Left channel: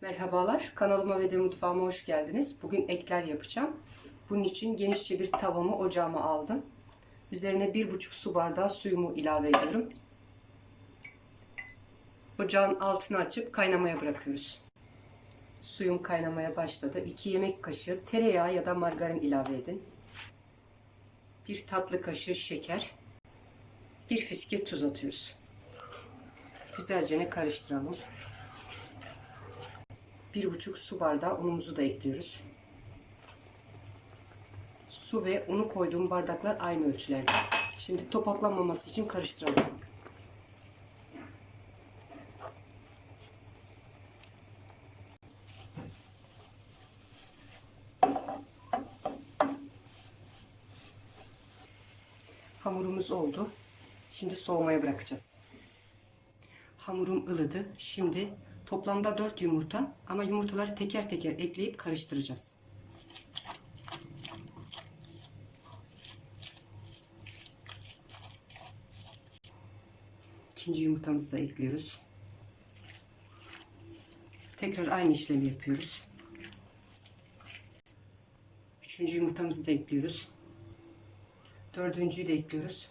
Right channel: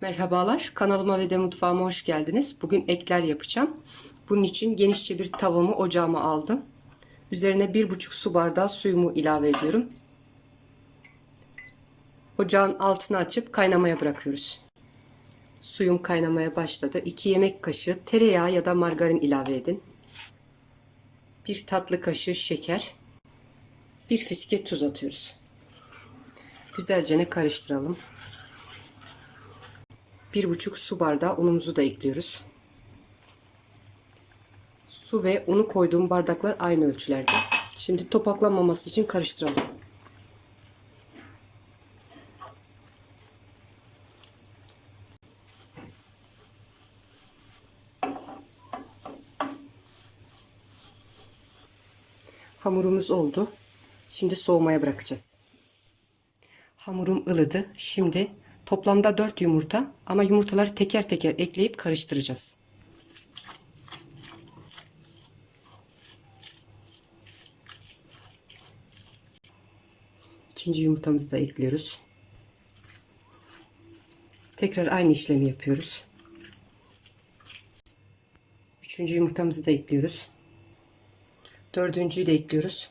Merhabalar, kanalıma ve de mutfağıma hoş geldiniz. Bugün ekler yapacağım. Bunun için genişçe bir tavamı ocağıma aldım. Üzerine 1,5 su bardağı suyumu ilave ediyorum. Ocağın altını açıp kaynamaya bırakıyoruz. Suyum kaynamaya başladı. 2 yemek kaşığı tereyağı ya da margarin ilave edin. 1 tatlı kaşığı şeker. 1 fiske tuz atıyoruz. Güzelce karıştıralım. 1,5 su bardağı unumuzu da ekliyoruz. Su ve unu koyduğum bardaklar aynı ölçülerde. Şimdi topaklanmaması için karıştıralım. Hamurumuz oldu. Şimdi soğumaya bırakacağız. Hamurum ılıdı. Şimdi toplamda 4 yumurta ama yumurtaları teker teker ekleyip karıştıracağız. İkinci yumurtamızı da ekliyoruz. Tekrar aynı işlemi yapıyoruz. Üçüncü yumurtamızı da ekliyoruz. Dördüncüyü de ekliyoruz.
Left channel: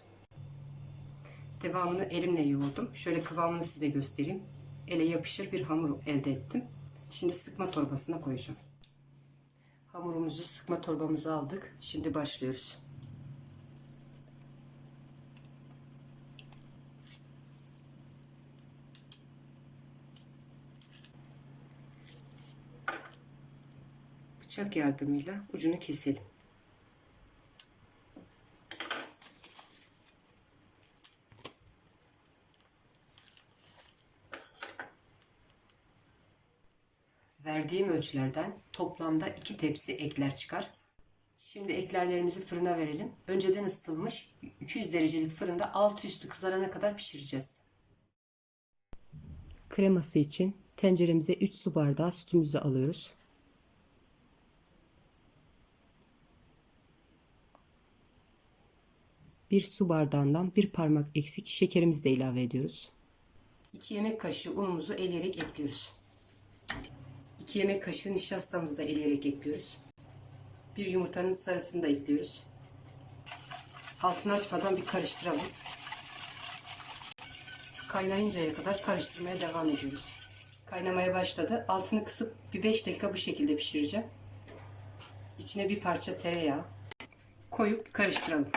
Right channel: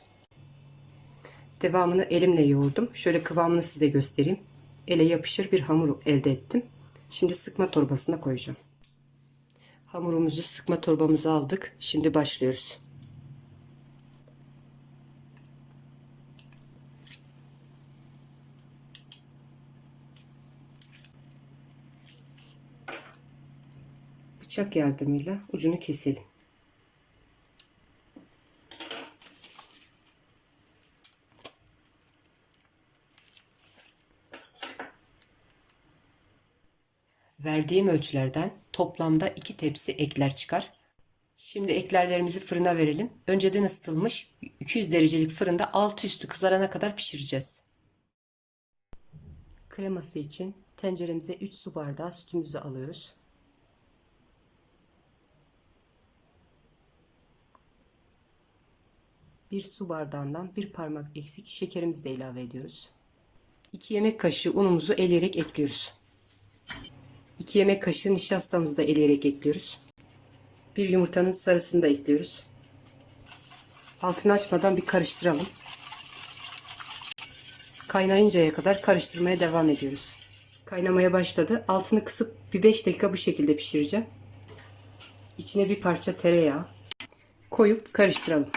Devamını elimle yoğurdum. Şöyle kıvamını size göstereyim. Ele yapışır bir hamur elde ettim. Şimdi sıkma torbasına koyacağım. Hamurumuzu sıkma torbamıza aldık. Şimdi başlıyoruz. Bıçak yardımıyla ucunu keselim. Verdiğim ölçülerden toplamda 2 tepsi ekler çıkar. Şimdi eklerlerimizi fırına verelim. Önceden ısıtılmış 200 derecelik fırında altı üstü kızarana kadar pişireceğiz. Kreması için tenceremize 3 su bardağı sütümüzü alıyoruz. Bir su bardağından bir parmak eksik şekerimizi de ilave ediyoruz. 2 yemek kaşığı unumuzu eleyerek ekliyoruz. 2 yemek kaşığı nişastamızı da eleyerek ekliyoruz. Bir yumurtanın sarısını da ekliyoruz. Altını açmadan bir karıştıralım. Kaynayıncaya kadar karıştırmaya devam ediyoruz. Kaynamaya başladı. Altını kısıp bir 5 dakika bu şekilde pişireceğim. İçine bir parça tereyağı koyup karıştıralım.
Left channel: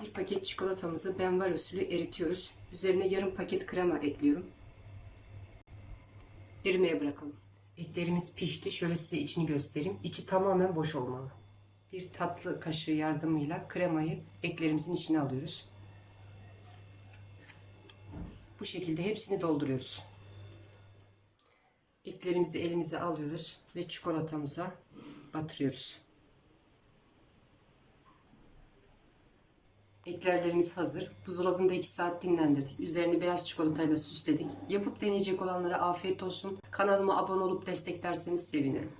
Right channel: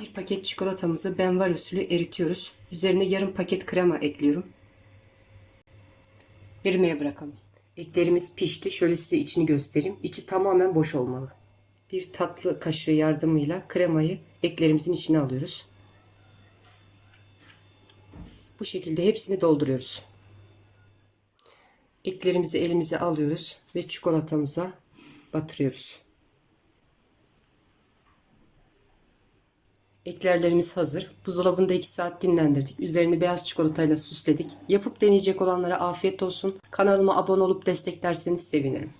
Bir paket çikolatamızı benvar usulü eritiyoruz. Üzerine yarım paket krema ekliyorum. Erimeye bırakalım. Eklerimiz pişti. Şöyle size içini göstereyim. İçi tamamen boş olmalı. Bir tatlı kaşığı yardımıyla kremayı eklerimizin içine alıyoruz. Bu şekilde hepsini dolduruyoruz. Eklerimizi elimize alıyoruz ve çikolatamıza batırıyoruz. Eklerlerimiz hazır. Buzdolabında 2 saat dinlendirdik. Üzerini beyaz çikolatayla süsledik. Yapıp deneyecek olanlara afiyet olsun. Kanalıma abone olup desteklerseniz sevinirim.